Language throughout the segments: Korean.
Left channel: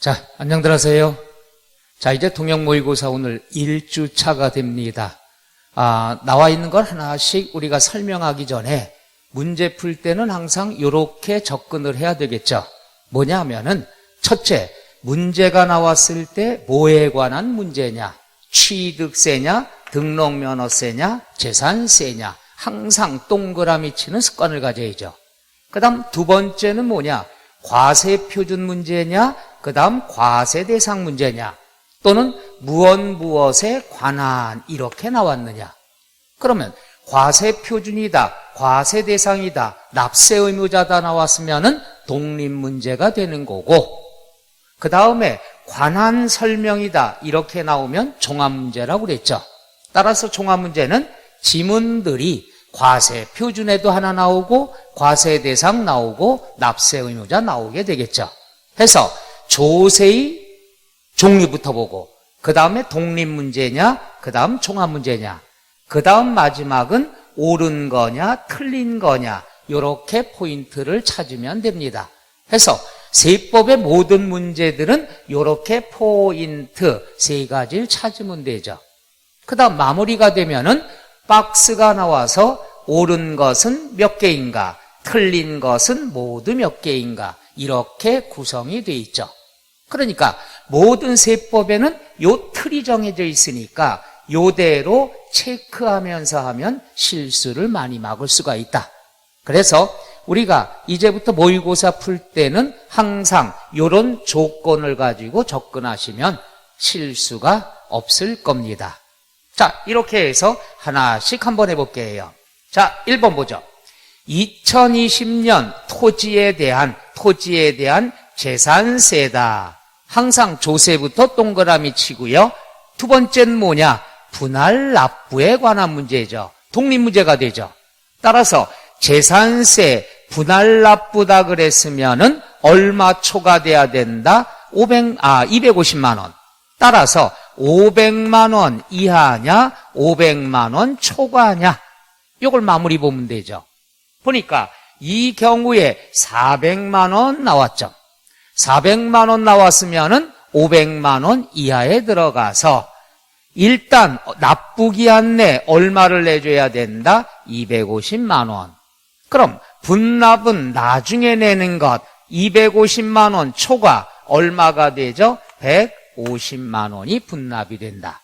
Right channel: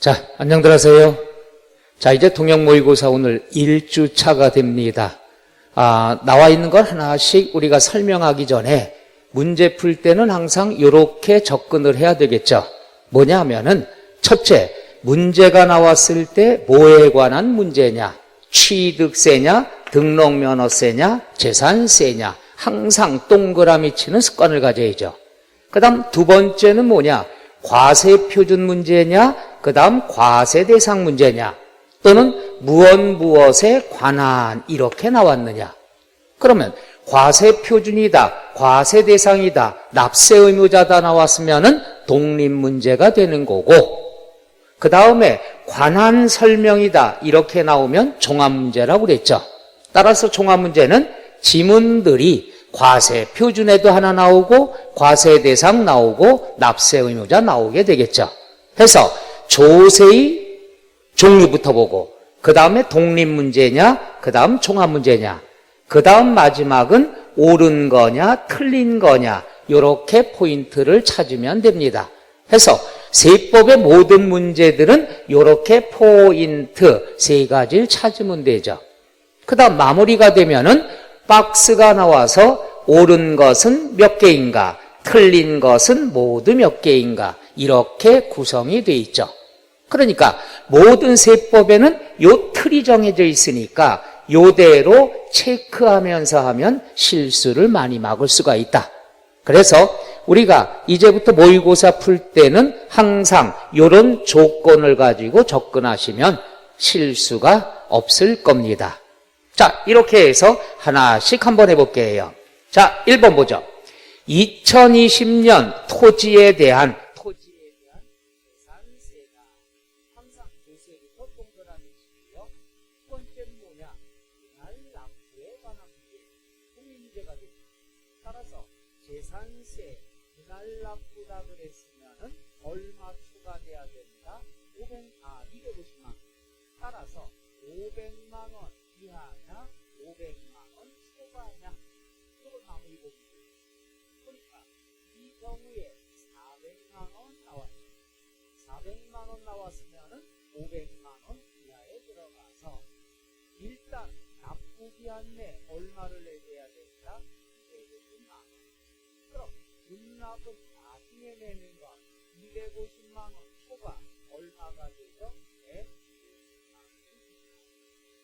자, 안녕들 하세요. 자, 이제 통역 모의고사 오늘 1주차가 됩니다. 나와 있는 걸 하나씩 우리가 설명하기 전에 문제 풀 때는 항상 이렇게 접근을 해야 되겠죠. 뭐냐 하면은 첫째, 문제가 나왔을 때 뭐에 관한 문제냐? 취득세냐? 등록면허세냐? 재산세냐? 항상 동그라미 치는 습관을 가져야죠. 그 다음 두 번째는 뭐냐? 과세표준 문제냐? 그 다음 과세대상 문제냐? 또는 무엇에 관한 이렇게 나왔느냐? 그러면 과세표준이다, 과세대상이다, 납세의무자다 나왔으면은 독립문제가 되는 거고, 그 다음에 관한 설명이다 이렇게 나오면 종합문제라고 그랬죠. 따라서 종합문제는 지문들이 과세표준에도 하나 나오고 과세대상 나오고 납세의무자 나오게 되겠죠. 해서 조세의 종류부터 보고 그 다음에 독립문제냐, 그 다음 종합문제냐, 그 다음 마지막은 옳은 거냐 틀린 거냐 이렇게 포인트를 찾으면 됩니다. 해서 세법의 모든 문제들은 이렇게 포인트 세 가지를 찾으면 되죠. 그 다음 마무리가 되면은 박스가 나와서 옳은 것은 몇 개인가, 틀린 것은 모두 몇 개인가 이렇게 구성이 되어 있죠. 그러니까 모든 세법에는 요 틀이 정해져 있으니까 요대로 체크하면서 하면 실수를 많이 막을 수가 있다. 그래서 우리가 이제부터 모의고사 풀 때는 항상 요런 조건을 가지고 접근하시면 실수가 없을 겁니다. 자, 이렇게 해서 하나씩 한번 해볼게요. 자, 1번 보죠. 2020년 토지에 대한 재산세다. 항상 조세부터 동그라미 치고요. 두 번째는 뭐냐? 분할 납부에 관한 문제죠. 독립문제가 되죠. 따라서 재산세 분할 납부다 그랬으면은 얼마 초과돼야 된다? 250만 원. 따라서 500만 원 이하냐? 500만 원 초과냐? 이걸 마무리 보면 되죠. 보니까 이 경우에 400만 원 나왔죠. 400만 원 나왔으면은 500만 원 이하에 들어가서 일단 납부기한 내 얼마를 내줘야 된다? 250만 원. 그럼 분납은 나중에 내는 것 250만 원 초과 얼마가 되죠? 150만 원이 분납이 된다.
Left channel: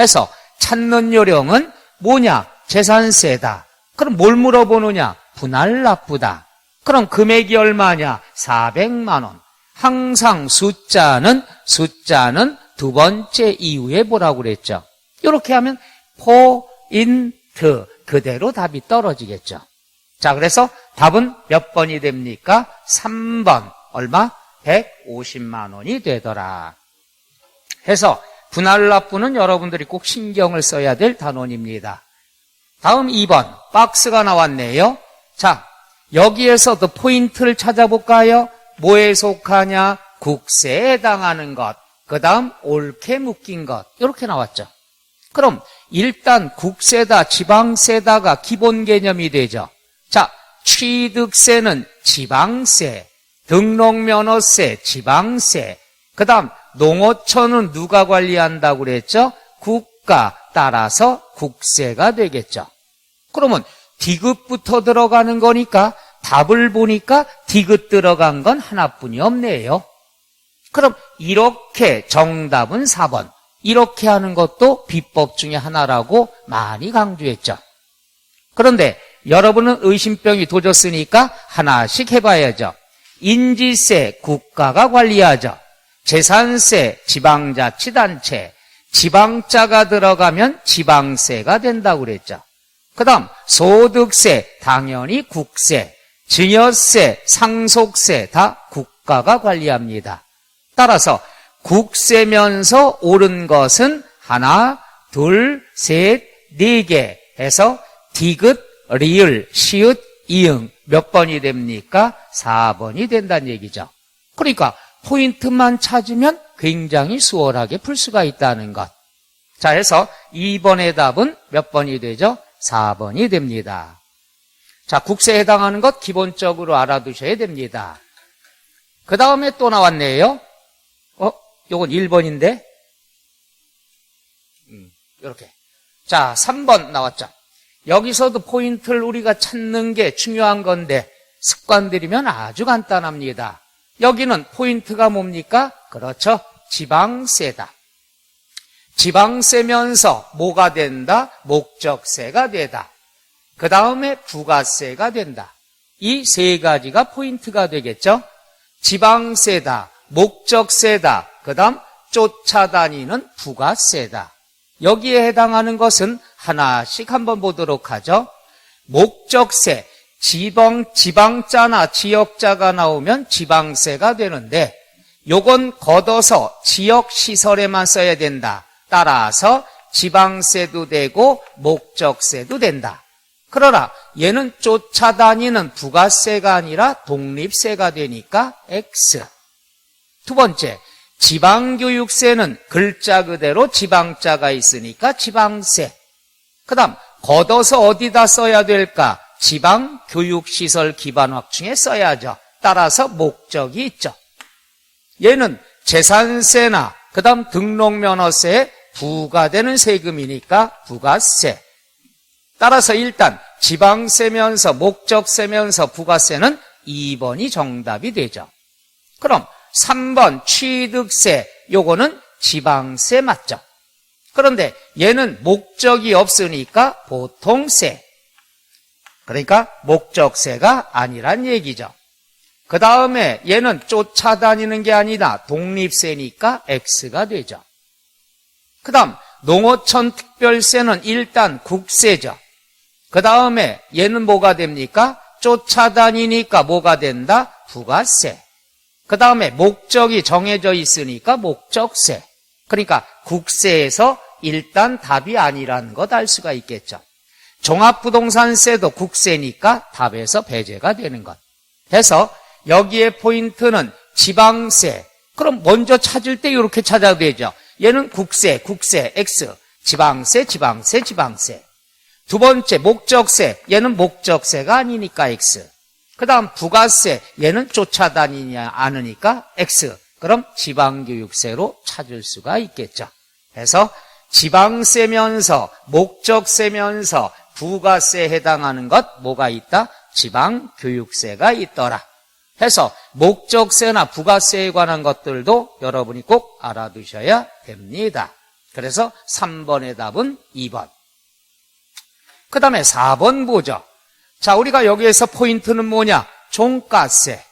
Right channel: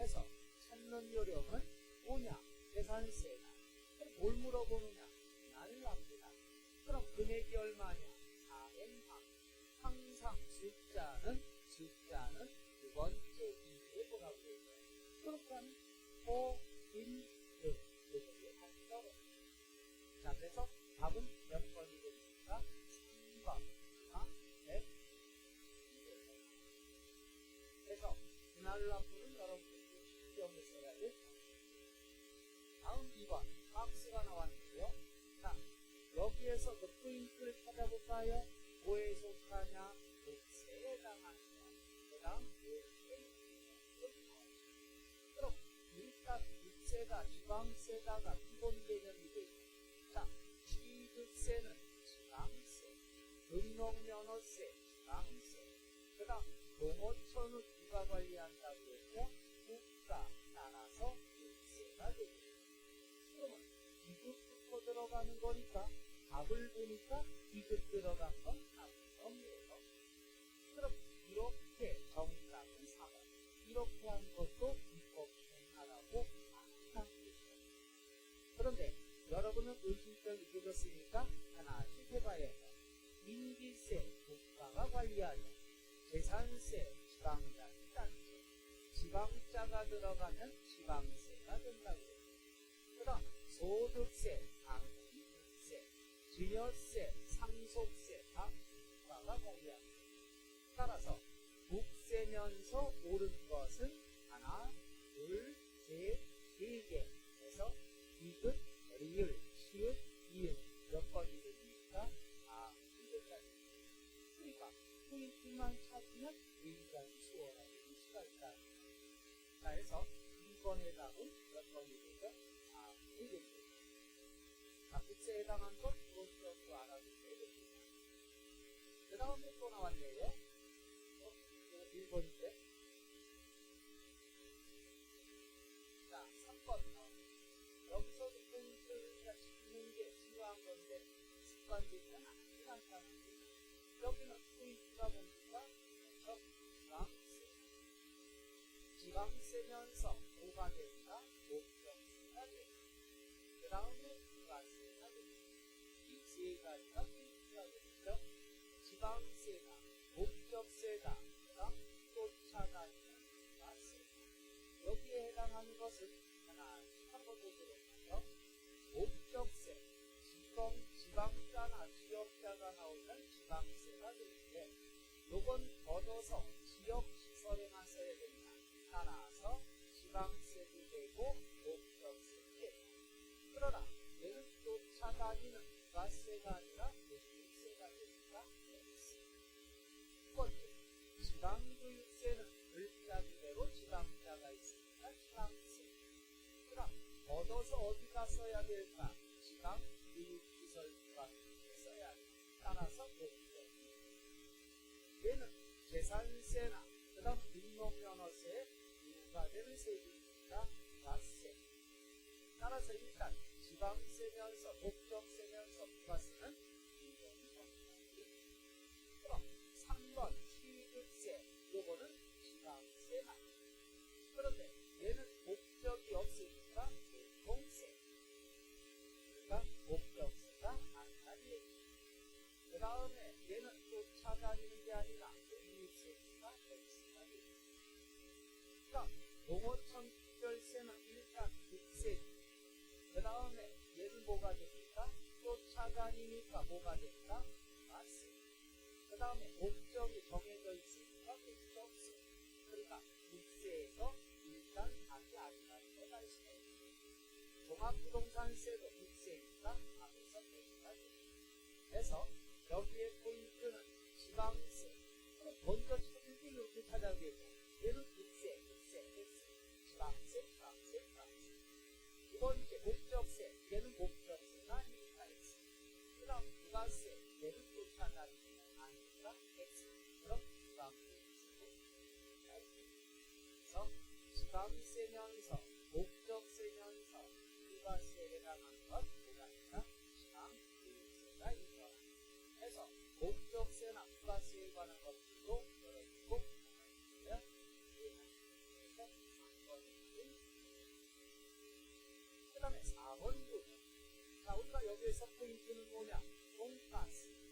해서 찾는 요령은 뭐냐? 재산세다. 그럼 뭘 물어보느냐? 분할 납부다. 그럼 금액이 얼마냐? 400만 원. 항상 숫자는 두 번째 이후에 뭐라고 그랬죠? 이렇게 하면 포인트 그대로 답이 떨어지겠죠. 자, 그래서 답은 몇 번이 됩니까? 3번. 얼마? 150만 원이 되더라. 해서 분할 납부는 여러분들이 꼭 신경을 써야 될 단원입니다. 다음 2번. 박스가 나왔네요. 자, 여기에서도 포인트를 찾아볼까요? 뭐에 속하냐? 국세에 해당하는 것. 그 다음 옳게 묶인 것. 이렇게 나왔죠. 그럼 일단 국세다, 지방세다가 기본 개념이 되죠. 자, 취득세는 지방세, 등록면허세, 지방세. 그 다음 농어촌은 누가 관리한다고 그랬죠? 국가. 따라서 국세가 되겠죠. 그러면 디귿부터 들어가는 거니까 답을 보니까 디귿 들어간 건 하나뿐이 없네요. 그럼 이렇게 정답은 4번. 이렇게 하는 것도 비법 중에 하나라고 많이 강조했죠. 그런데 여러분은 의심병이 도졌으니까 하나씩 해봐야죠. 인지세 국가가 관리하죠. 재산세 지방자치단체. 지방자가 들어가면 지방세가 된다고 그랬죠. 그 다음 소득세 당연히 국세. 증여세, 상속세 다 국가가 관리합니다. 따라서 국세면서 옳은 것은 하나, 둘, 셋, 네 개 해서 디귿, 리을, 시읒, 이응 몇 번이 됩니까? 4번이 된다는 얘기죠. 그러니까 포인트만 찾으면 굉장히 수월하게 풀 수가 있다는 것. 자, 해서 2번의 답은 몇 번이 되죠? 4번이 됩니다. 자, 국세에 해당하는 것 기본적으로 알아두셔야 됩니다. 그 다음에 또 나왔네요. 요건 1번인데 이렇게. 자, 3번 나왔죠. 여기서도 포인트를 우리가 찾는 게 중요한 건데 습관들이면 아주 간단합니다. 여기는 포인트가 뭡니까? 그렇죠. 지방세다. 지방세면서 뭐가 된다? 목적세가 되다. 그 다음에 부가세가 된다. 이 세 가지가 포인트가 되겠죠. 지방세다, 목적세다, 그 다음 쫓아다니는 부가세다. 여기에 해당하는 것은 하나씩 한번 보도록 하죠. 목적세, 지방자나 지역자가 나오면 지방세가 되는데 요건 걷어서 지역시설에만 써야 된다. 따라서 지방세도 되고 목적세도 된다. 그러나 얘는 쫓아다니는 부가세가 아니라 독립세가 되니까 X. 두 번째, 지방교육세는 글자 그대로 지방자가 있으니까 지방세. 그 다음 걷어서 어디다 써야 될까? 지방교육시설 기반 확충에 써야죠. 따라서 목적이 있죠. 얘는 재산세나 그 다음 등록면허세에 부과되는 세금이니까 부가세. 따라서 일단 지방세면서 목적세면서 부가세는 2번이 정답이 되죠. 그럼 3번 취득세, 요거는 지방세 맞죠? 그런데 얘는 목적이 없으니까 보통세. 그러니까 목적세가 아니란 얘기죠. 그 다음에 얘는 쫓아다니는 게 아니라 독립세니까 X가 되죠. 그 다음 농어촌 특별세는 일단 국세죠. 그 다음에 얘는 뭐가 됩니까? 쫓아다니니까 뭐가 된다? 부가세. 그 다음에 목적이 정해져 있으니까 목적세. 그러니까 국세에서 일단 답이 아니라는 것 알 수가 있겠죠. 종합부동산세도 국세니까 답에서 배제가 되는 것. 해서 여기에 포인트는 지방세. 그럼 먼저 찾을 때 이렇게 찾아도 되죠. 얘는 국세, X. 지방세. 두 번째 목적세, 얘는 목적세가 아니니까 X. 그 다음 부가세, 얘는 쫓아다니지 않으니까 X. 그럼 지방교육세로 찾을 수가 있겠죠. 그래서 지방세면서 목적세면서 부가세에 해당하는 것 뭐가 있다? 지방교육세가 있더라. 해서 목적세나 부가세에 관한 것들도 여러분이 꼭 알아두셔야 됩니다. 그래서 3번의 답은 2번. 그 다음에 4번 보죠. 자, 우리가 여기에서 포인트는 뭐냐? 종가세.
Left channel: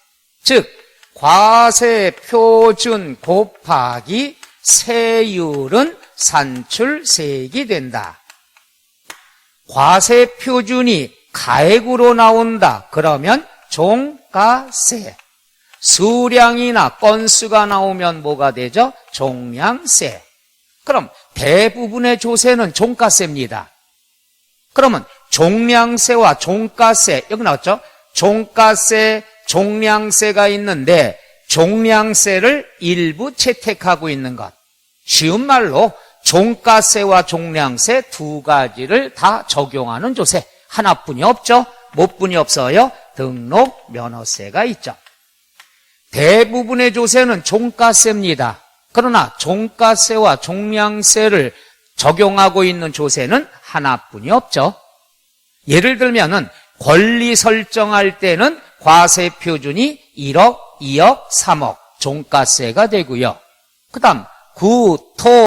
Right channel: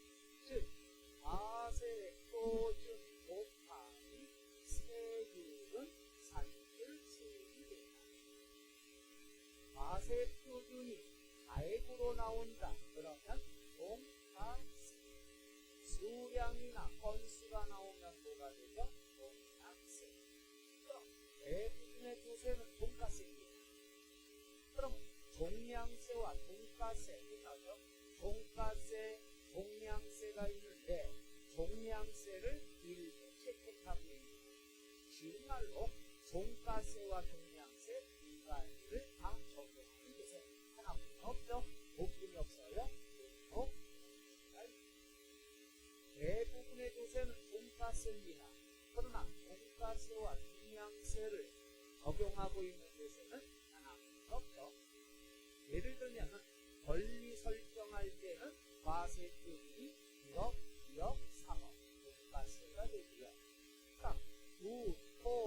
즉 과세 표준 곱하기 세율은 산출세액이 된다. 과세 표준이 가액으로 나온다. 그러면 종가세. 수량이나 건수가 나오면 뭐가 되죠? 종량세. 그럼 대부분의 조세는 종가세입니다. 그러면 종량세와 종가세, 여기 나왔죠? 종가세, 종량세가 있는데 종량세를 일부 채택하고 있는 것. 쉬운 말로 종가세와 종량세 두 가지를 다 적용하는 조세. 하나뿐이 없죠? 몇 분이 없어요? 등록 면허세가 있죠. 대부분의 조세는 종가세입니다. 그러나 종가세와 종량세를 적용하고 있는 조세는 하나뿐이 없죠. 예를 들면은 권리 설정할 때는 과세 표준이 1억, 2억, 3억 종가세가 되고요. 그 다음 구, 토,